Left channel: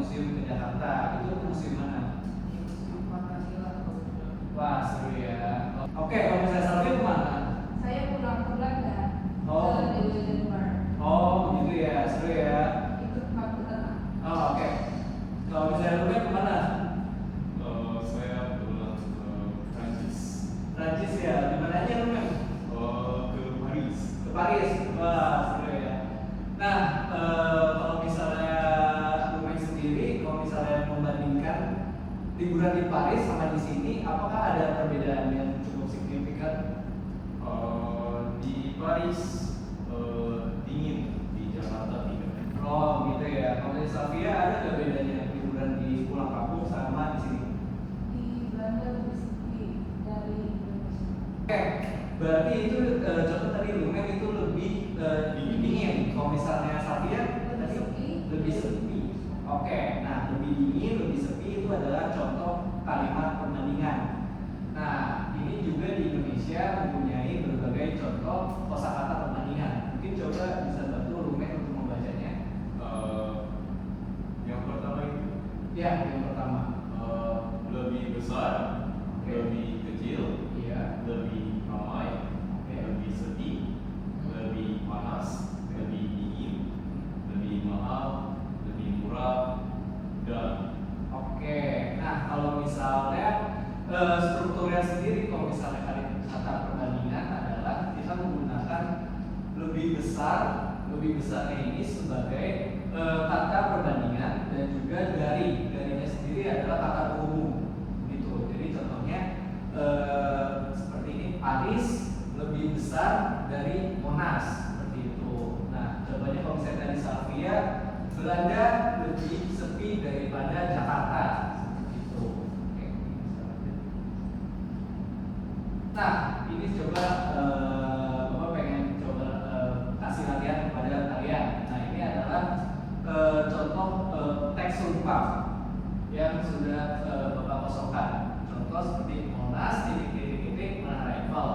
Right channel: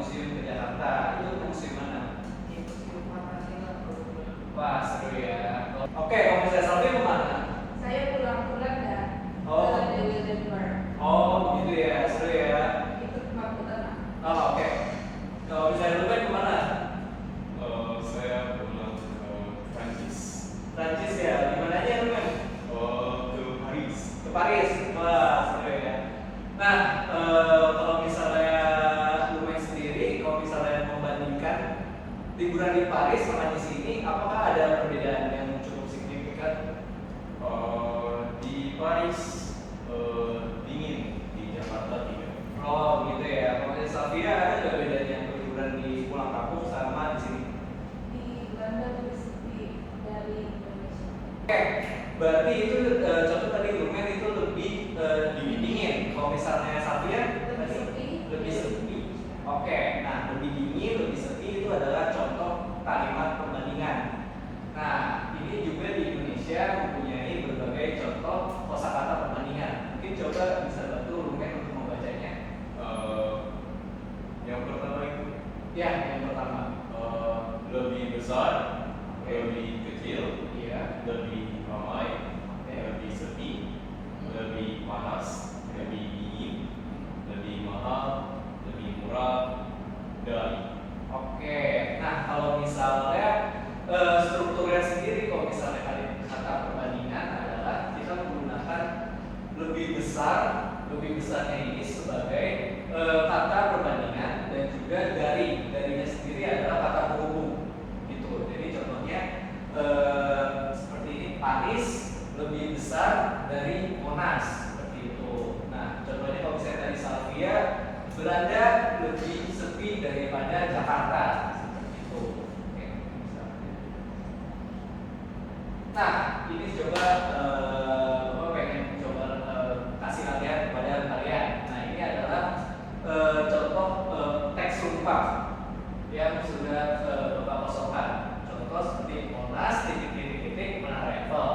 museum ke Jakarta, itu museum mana? Di Museum Pancasila. Wah, seru ya. Oke, kalau misalnya Salvi kemana? Saya pulang ke Belanda. Oh. Ke Deldenburg. Oh, begitu ya, seru ya. Itu fakultas. Oh, oke. Kalau misalnya Ruben kemana? Saya pulang ke Prancis. Prancis ya, di mananya Ruben? Ke Paris. Ke Paris. Wah, seru ya. Nah, kalau misalnya Ruben sendiri, kalau misalnya membandingkan liburan di Paris sama di sini, apakah ada perbedaan yang cukup signifikan? Di Paris dingin, di Jakarta tidak. Oh, gitu ya. Kalau misalnya Salvia, ada nggak bedanya liburan di pulang kampung sama di sini? Di Belanda lebih sepi dari Indonesia. Oke, berarti itu contoh tadi Rumen itu lebih dingin. Kalau misalnya Salvia Lebih sepi. lebih sepi. Oke, nah lebih dingin, lebih sepi itu adalah contoh kalimat perbandingan. Nah, ini juga di Indonesia mempunyai berbagai contoh kosakata perbandingan. Mungkin coba bisa bantu Rumen untuk membacanya. Yang pertama itu Ya, yang pertama. lebih besar, Oke. lebih kecil, Iya. lebih ramai, Oke. lebih sepi, lebih panas, lebih dingin, lebih mahal, lebih murah, dan Oke, nah kalau misalnya strukturnya sendiri, kalau misalnya kata perbandingan adalah kita menggunakan lebih besar, lebih besarnya ini sebagai kata perbandingan dan juga darinya sendiri adalah kata penghubung, gitu. Jadi contohnya seperti ini, Paris lebih besar dari Monas, seperti itu. Nah, contohnya kalau misalnya tadi Salvia, Belanda lebih sepi daripada Jakarta, seperti itu. Oke, nah, ini coba Bapak pengen coba kasih latihan kepada kalian. Nah, ini adalah contoh teks sumpah yang sudah Bapak kosongkan. Contoh seperti Monas titik-titik Menara Eiffel,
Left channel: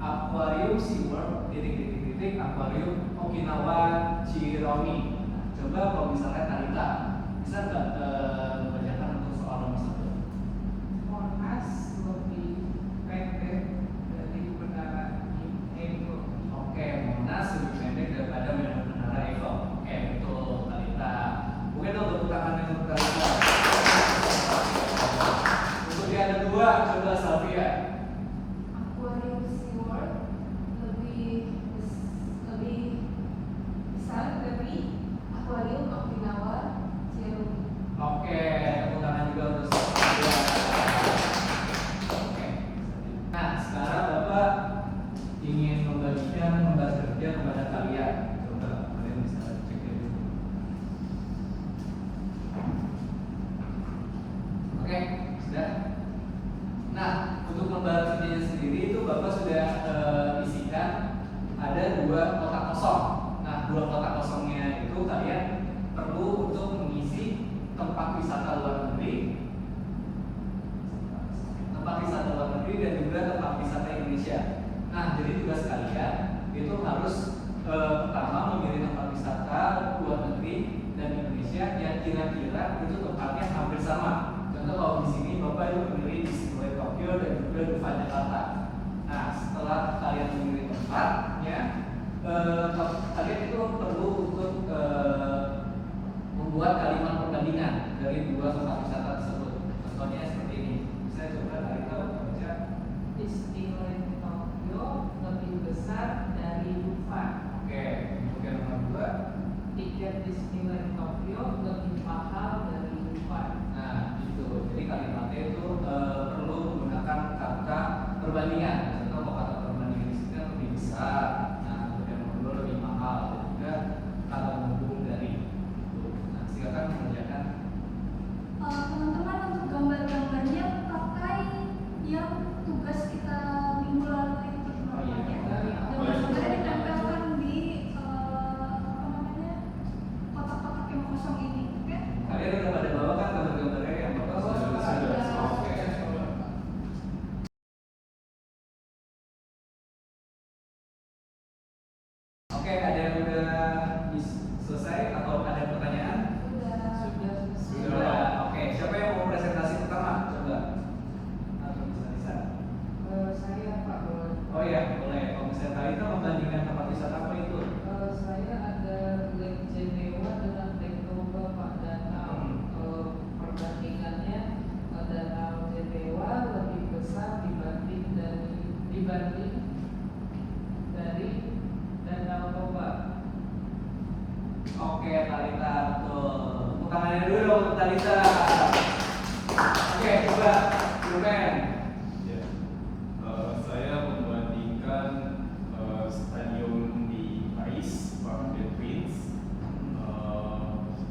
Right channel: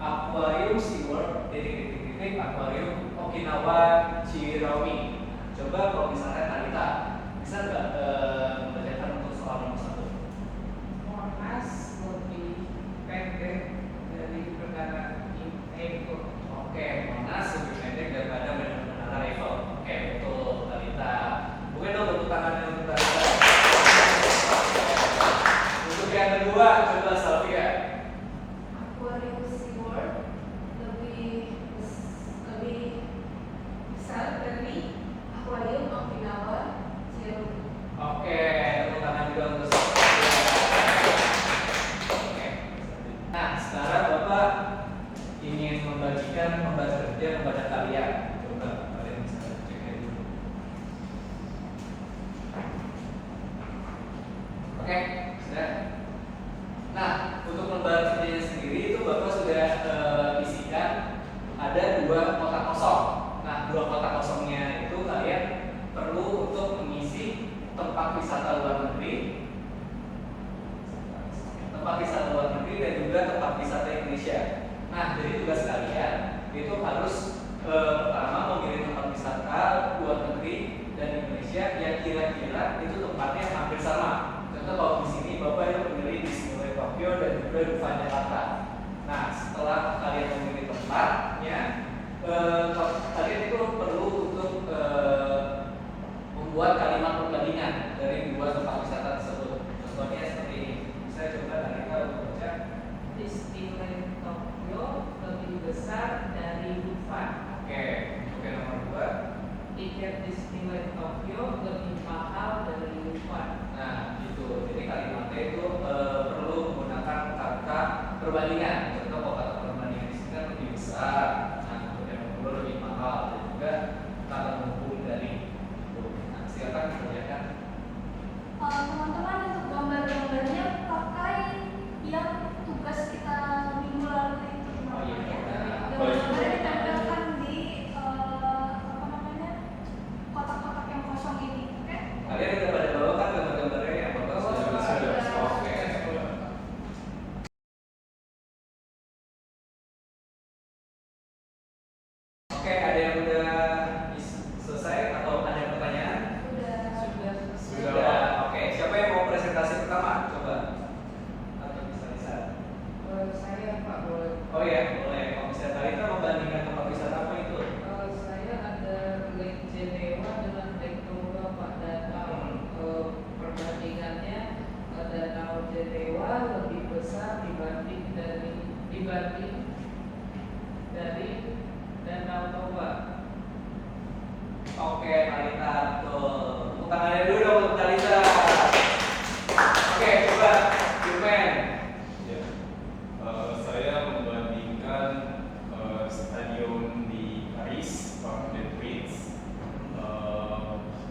Akuarium SeaWorld titik-titik Akuarium Okinawa Chirami. Coba kalau misalnya Talita bisa nggak mengerjakan untuk soal nomor 1? Monas lebih pendek dari Menara Eiffel. Oke, Monas lebih pendek daripada Menara Eiffel. Oke, betul Talita. Mungkin dong tepuk tangannya untuk Talita. Untuk yang kedua, coba Salvia. Aquarium SeaWorld lebih besar dari Aquarium Okinawa Chirami. Oke, tepuk tangan juga untuk Salvia. Oke. Nah, sekarang Bapak ingin membagikan pembahasan kerja kepada kalian. Coba kalian bisa ceknya dulu. Oke, sudah. Nah, untuk lembar kerjanya sendiri itu Bapak sudah isikan ada 2 kotak kosong. Nah, 2 kotak kosongnya itu kalian perlu untuk mengisi tempat wisata luar negeri, dan juga tempat wisata Indonesia. Nah, jadi tugas kalian itu harus pertama memilih tempat wisata luar negeri dan Indonesia yang kira-kira itu tempatnya hampir sama. Contoh kalau di sini Bapak itu memilih Disneyland Tokyo dan juga Dufan Jakarta. Nah, setelah kalian memilih tempatnya, kalian itu perlu untuk membuat kalimat perbandingan dari 2 tempat wisata tersebut. Contohnya seperti ini. Saya coba Talita untuk baca. Disneyland Tokyo lebih besar dari Dufan. Oke, untuk yang nomor 2. Tiket Disneyland Tokyo lebih mahal dari Dufan. Nah, itu. Jadi kalimatnya itu perlu menggunakan kata perbandingan. Contoh kalau kata perbandingan di sini kan lebih besar. Nah, untuk yang nomor 2 lebih mahal dan juga kata menghubung dari. Itu. Nah, silakan dikerjakan. Teman-teman untuk gambar-gambarnya pakai yang tugas kita minggu lalu itu. Oh iya, Ya. benar. Gambar Talita. Oke, coba Juven. Ya. Saya membandingkan stadion di Paris, Parc des Princes,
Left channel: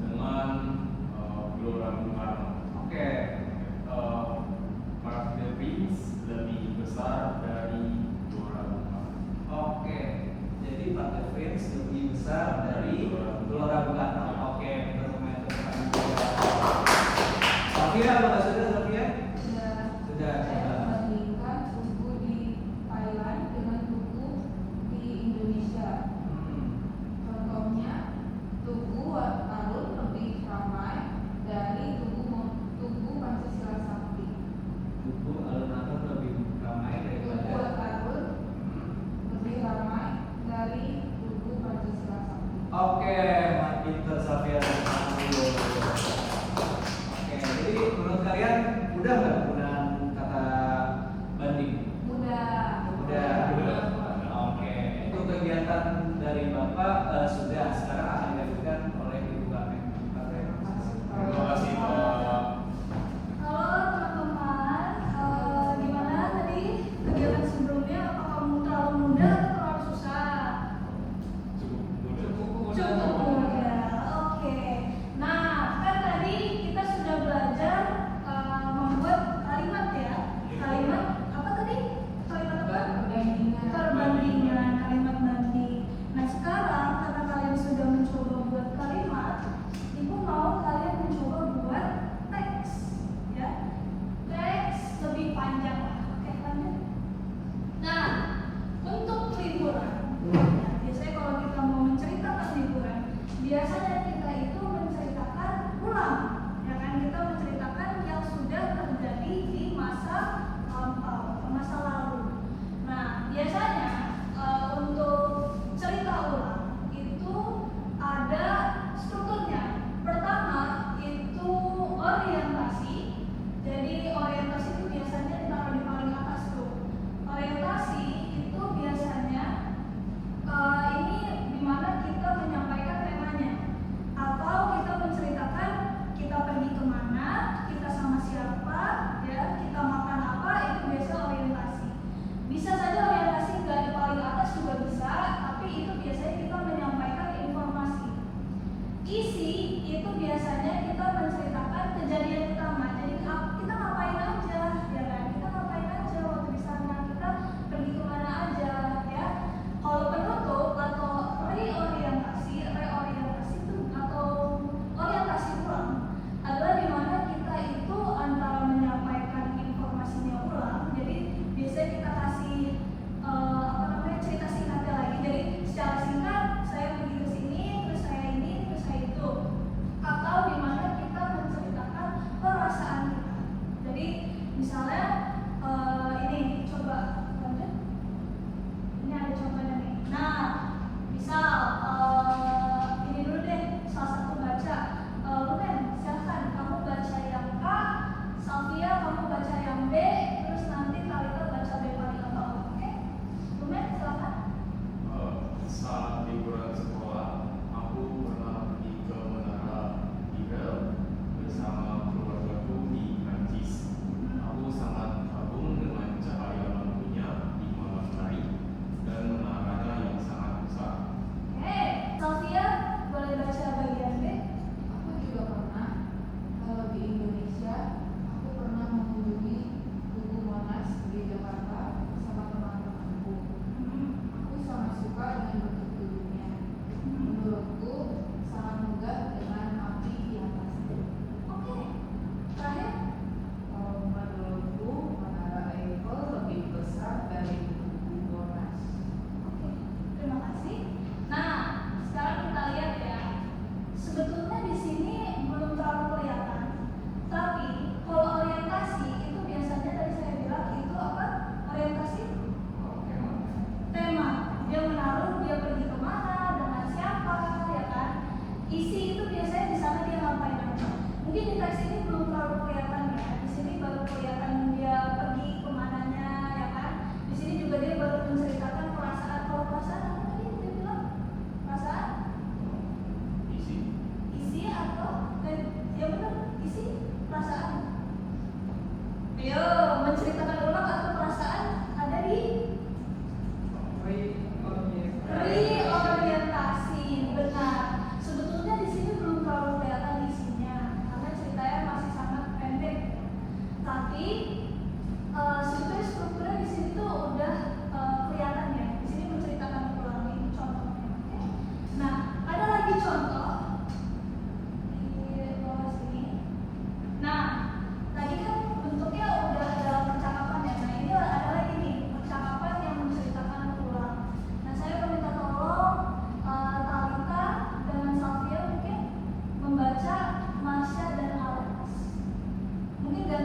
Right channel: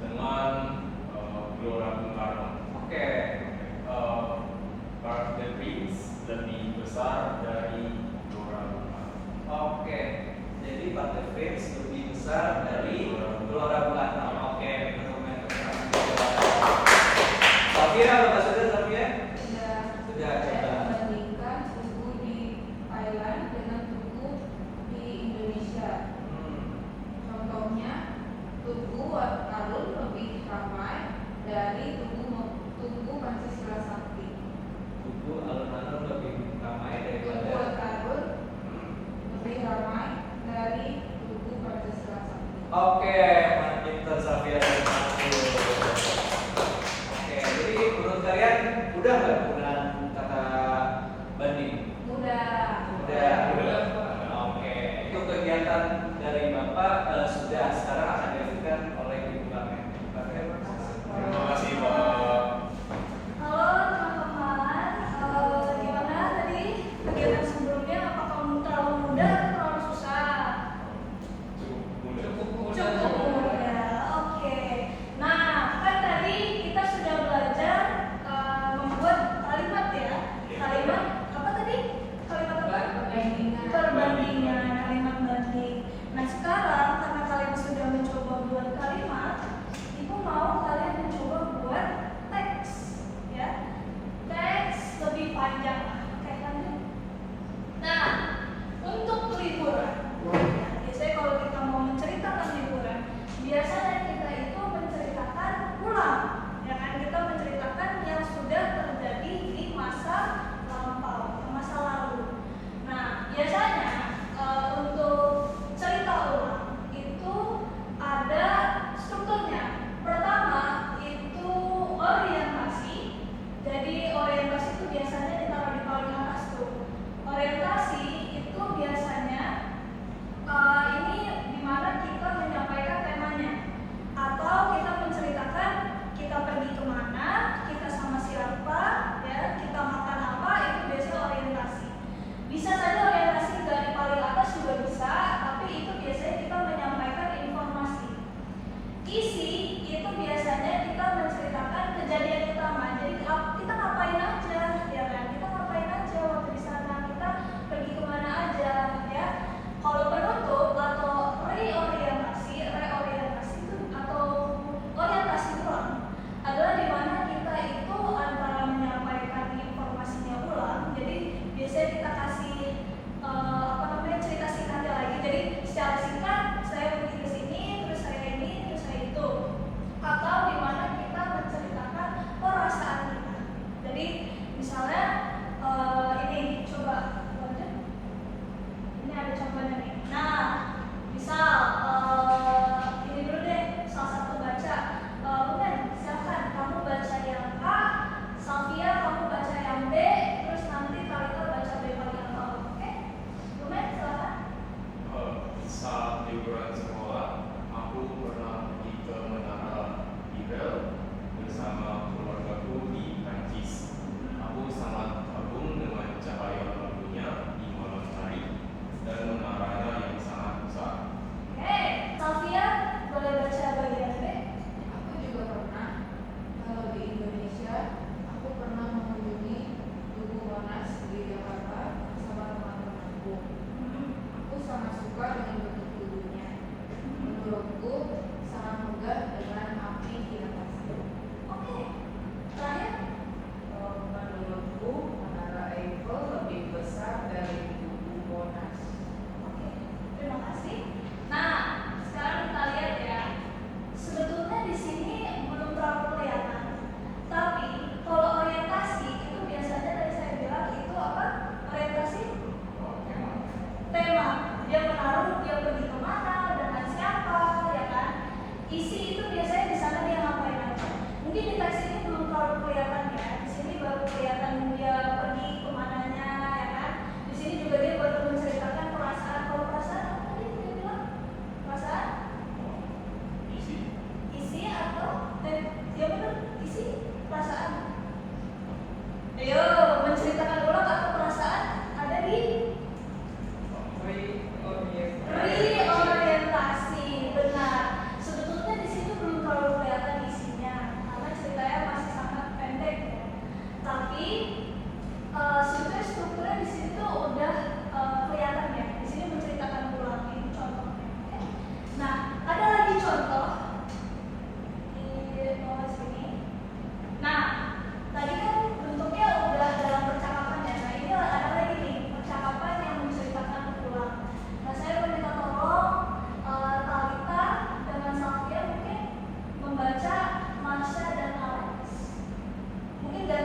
dengan Gelora Bung Karno. Oke. Parc des Princes lebih besar dari Gelora Bung Karno. Oke. Jadi Parc des Princes lebih besar dari Gelora Bung Karno. Oke, argumen tentang Safia, apa sudah Safia? Sudah, Saya coba. membandingkan tugu di Thailand dengan tugu di Indonesia. Contohnya, tugu alun lebih ramai dari tugu Pancasila Sakti. Tugu alun-alun lebih ramai Tugu daripada. alun lebih ramai dari tugu Pancasila Sakti. Oke, pinter Safia dan Safia. Oke, jadi menurut kalian udah nggak penggunaan kata banding? Udah. Oke, itu kegiatan dari Bapak sudah sekarang akan dilakukan oleh Ibu Karmen. Terima kasih Pak. Halo teman-teman, gimana tadi kegiatan sebelumnya? Apakah terlalu mudah atau terlalu susah? Cukup mudah. Oke. Nah, kan tadi kita sudah belajar membuat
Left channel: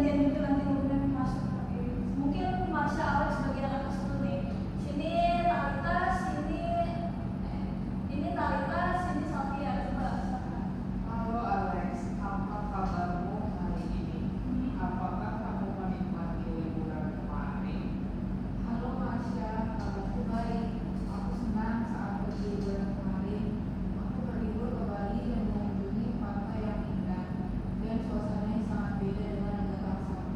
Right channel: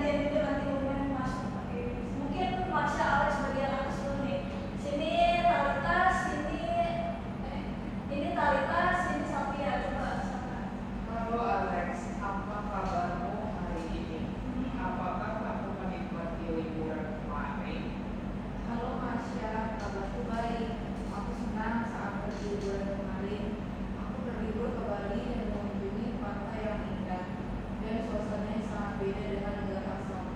gantian gitu nanti ngomongin Masya pakai mungkin Masya Alex bagian atas dulu nih. Sini Talita, ini Talita, sini Safia. Coba Safia. Halo Alex, apa kabarmu hari ini? Apakah kamu menikmati liburan kemarin? Halo Masya, kabarku baik. Aku senang saat pergi liburan kemarin. Aku berlibur ke Bali dan mengunjungi pantai yang indah dan suasananya sangat beda dengan negara asalku.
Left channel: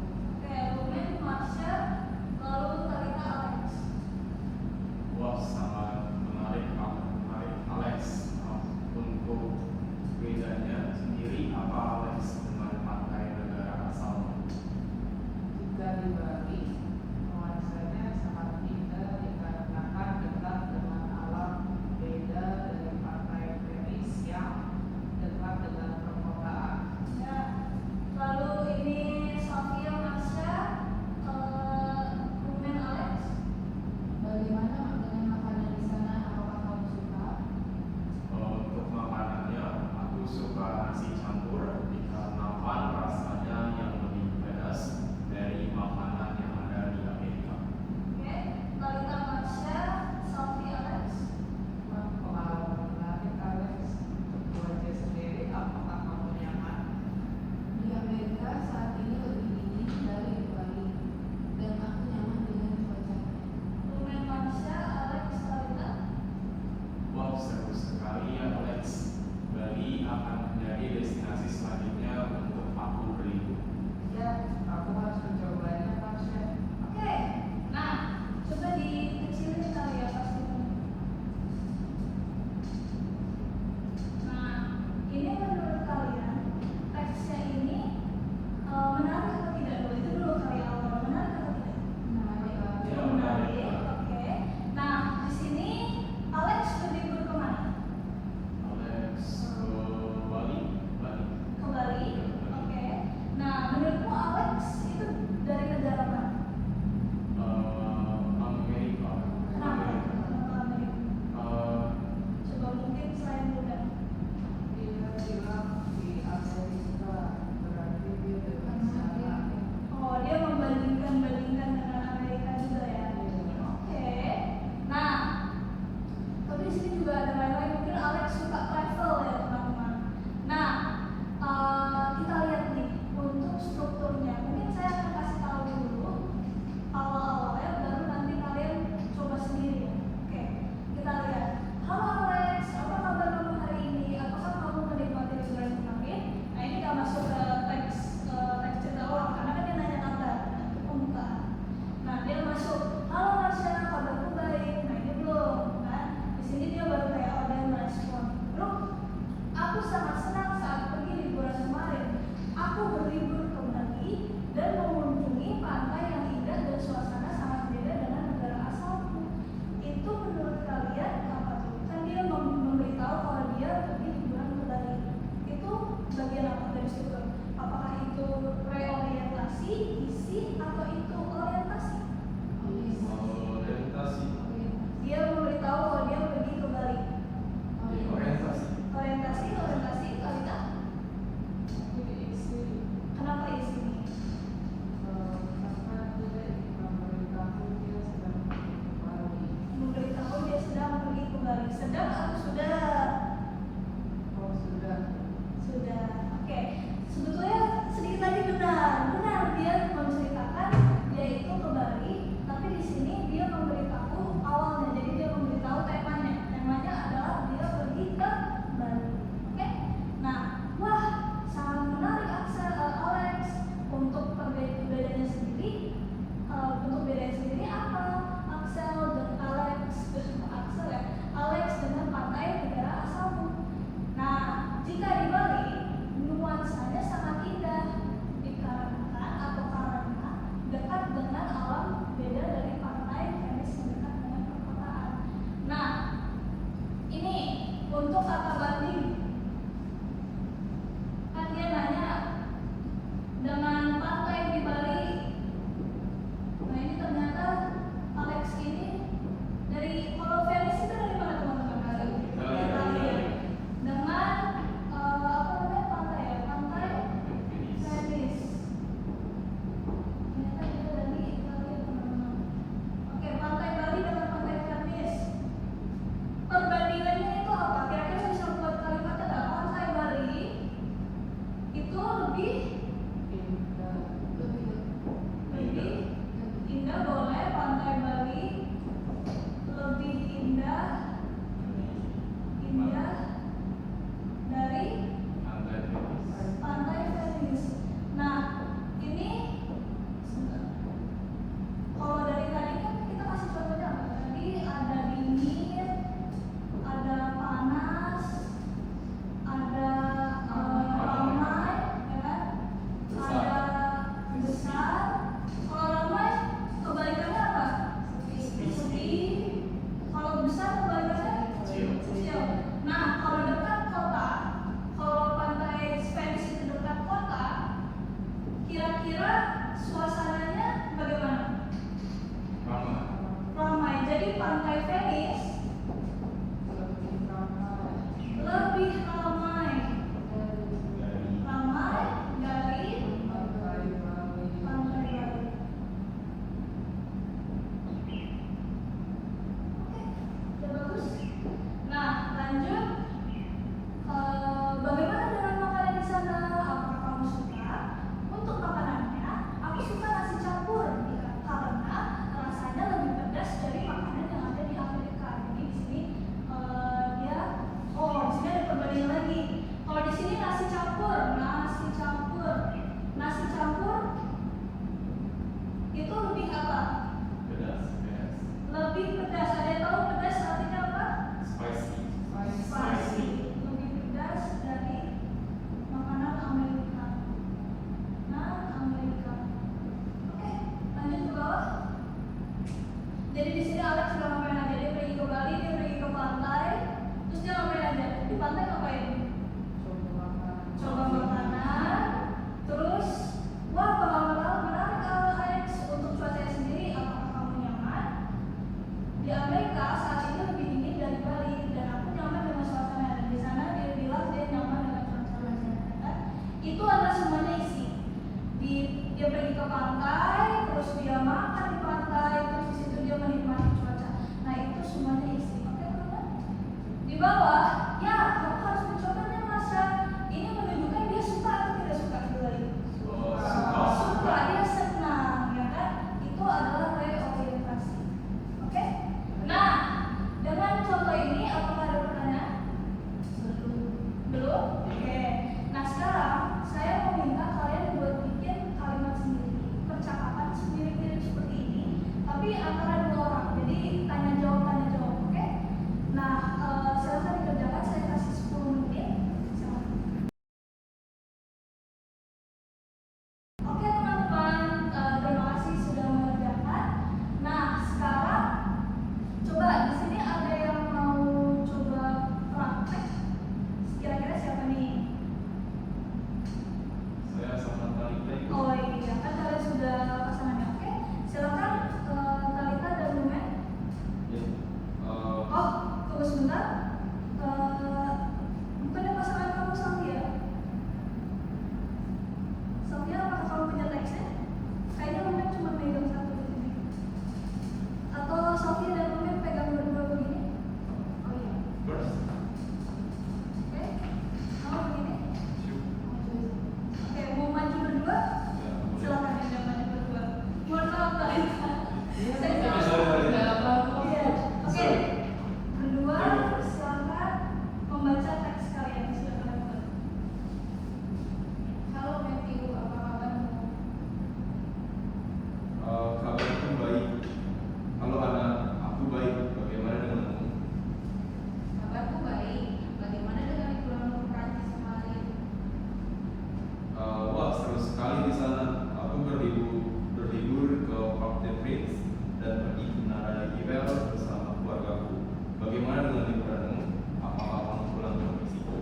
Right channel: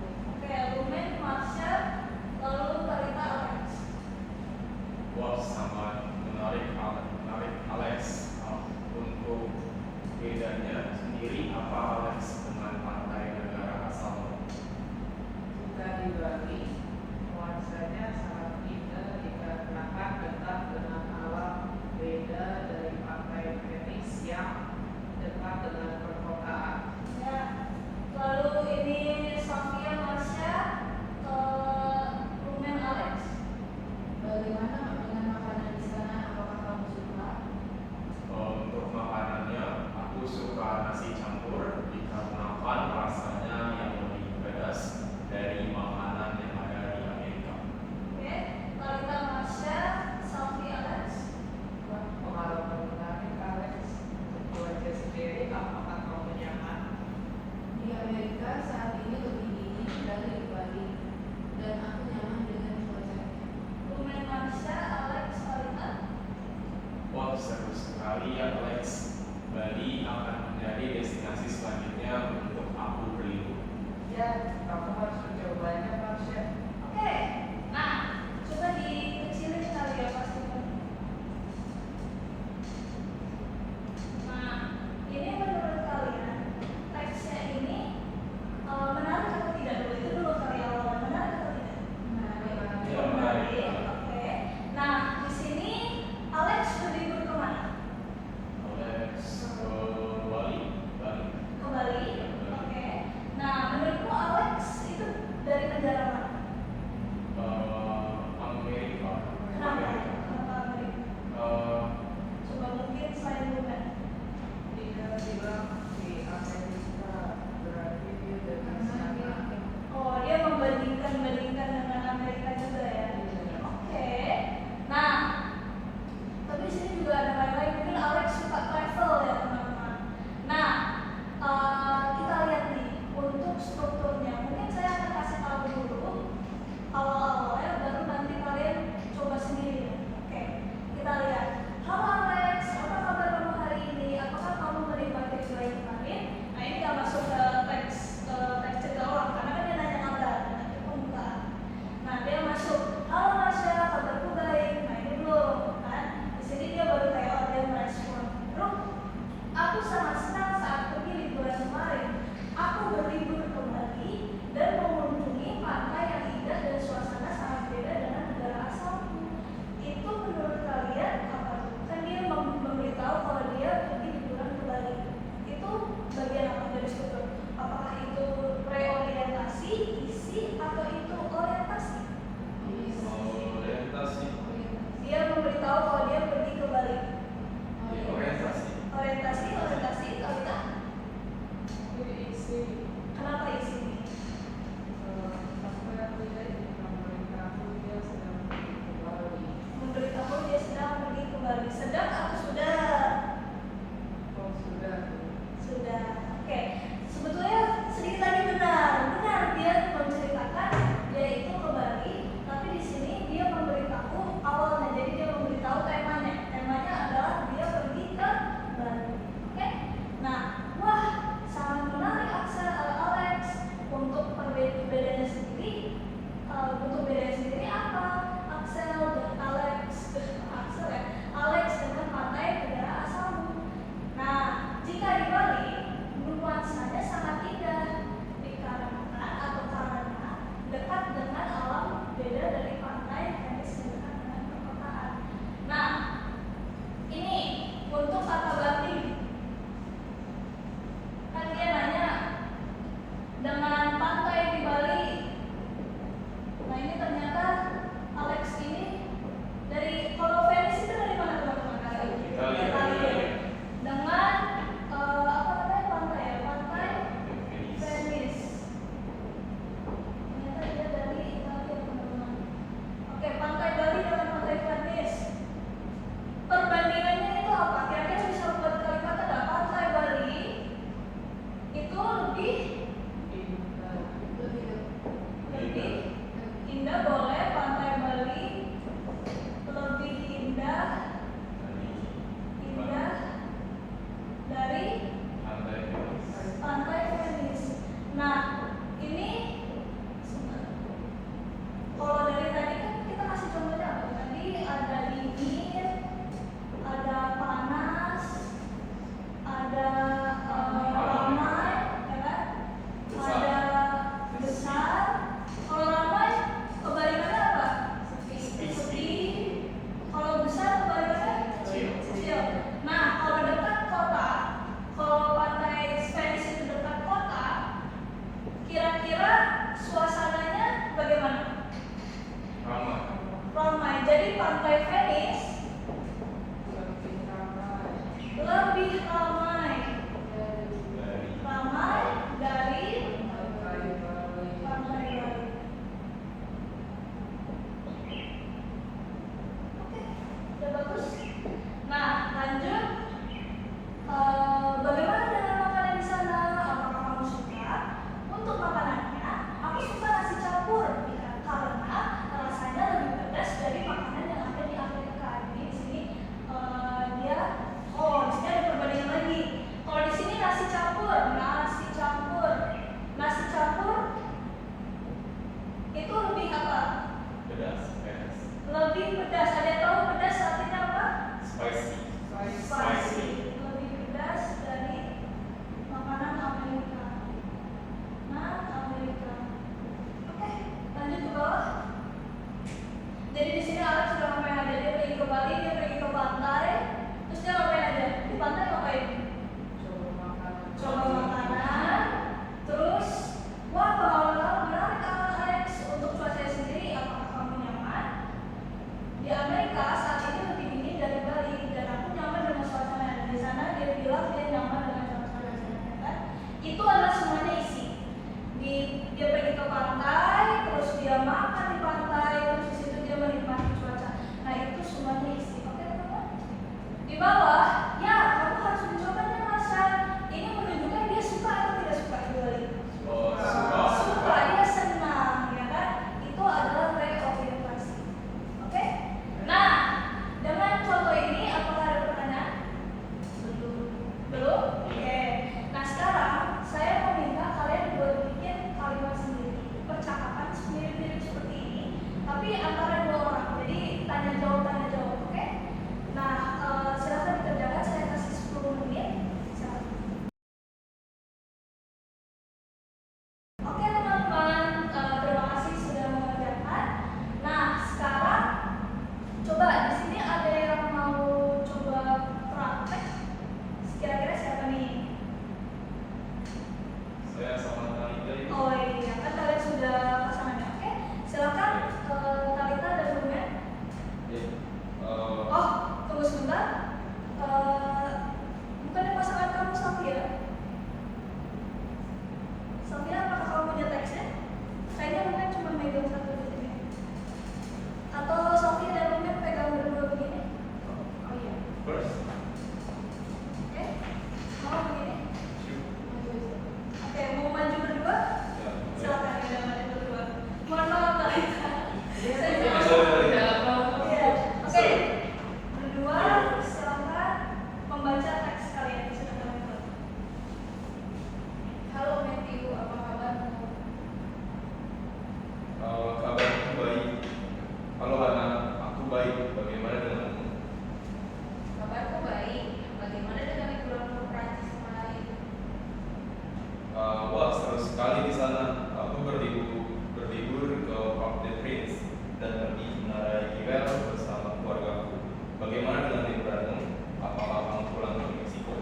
sekali di sana. Aku berlibur ke Parc des Princes dan pergi ke Menara Eiffel bersama keluargaku. Bagaimana dengan liburanmu? Apakah kamu pulang ke Meksiko?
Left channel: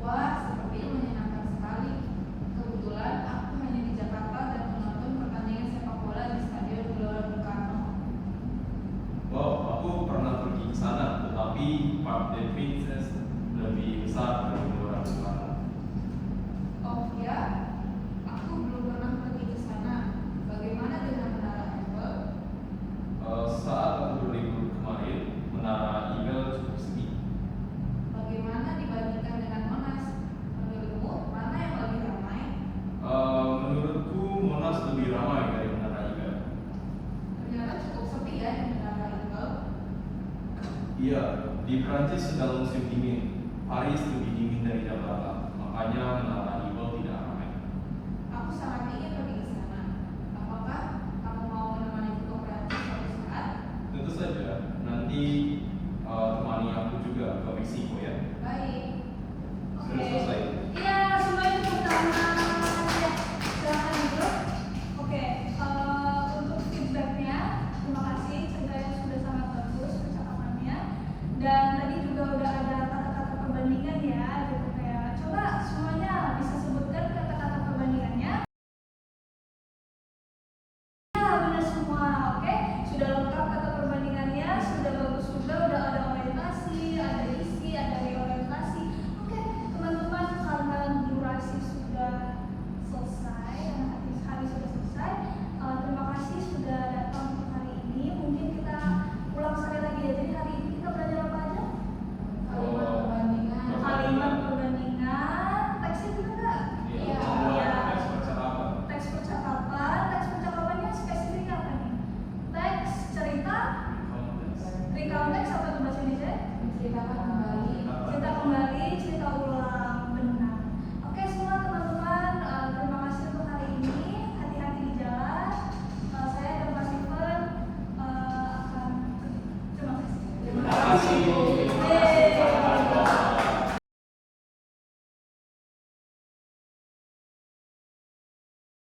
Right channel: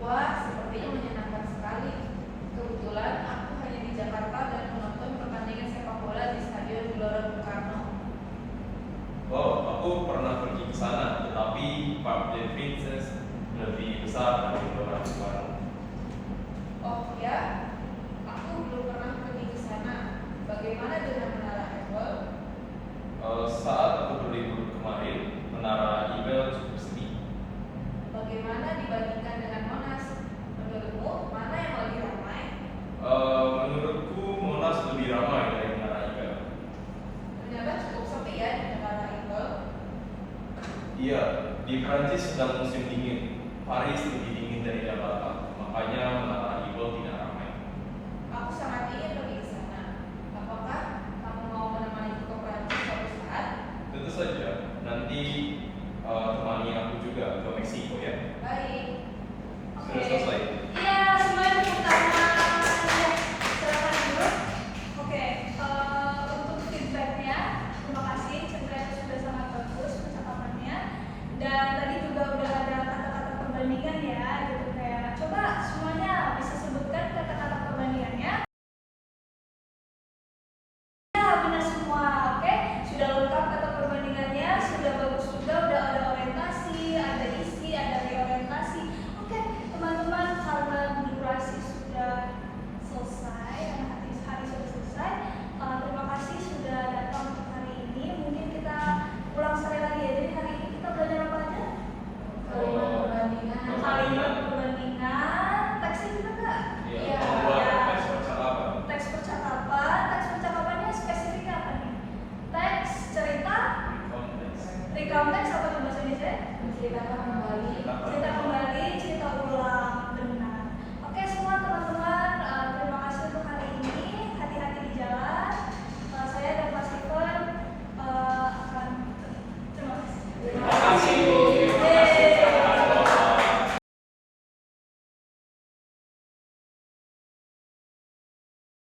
Wah, sepertinya menyenangkan sekali. Kebetulan aku hanya di Jakarta dan menonton pertandingan sepak bola di Stadion Gelora Bung Karno. Oh, aku pernah pergi ke sana, tetapi Parc des Princes lebih besar dari Gelora Bung Karno. Oh ya, aku belum pernah pergi ke sana. Bagaimana dengan Menara Eiffel? Saat aku berlibur kemarin, Menara Eiffel cukup sepi. Bagaimana dibandingkan dengan Monas? Menurutmu mana yang lebih ramai? Menurutku Monas lebih ramai dari Menara Eiffel. Ternyata cukup sepi ya di Menara Eiffel. Iya, di Prancis sedang musim dingin. Paris lebih dingin dari Jakarta, makanya Menara Eiffel tidak ramai. Aku sangat ingin pergi ke sana. Apakah kamu mau menemaniku ke Prancis suatu saat? Tentu saja, nanti temani aku juga ke Meksiko ya. Baik. Sudah selesai. Iya, semuanya tepuk tangan. Ya, selamat dulu. Oke, untuk feedbacknya, terima kasih. Ceritanya sudah sangat bagus percakapannya. Dan tadi juga udah ada kata-kata perbandingan ya, gitu kayak. Coba semuanya bisa sebutkan kata-kata perbandingannya. Ya, benar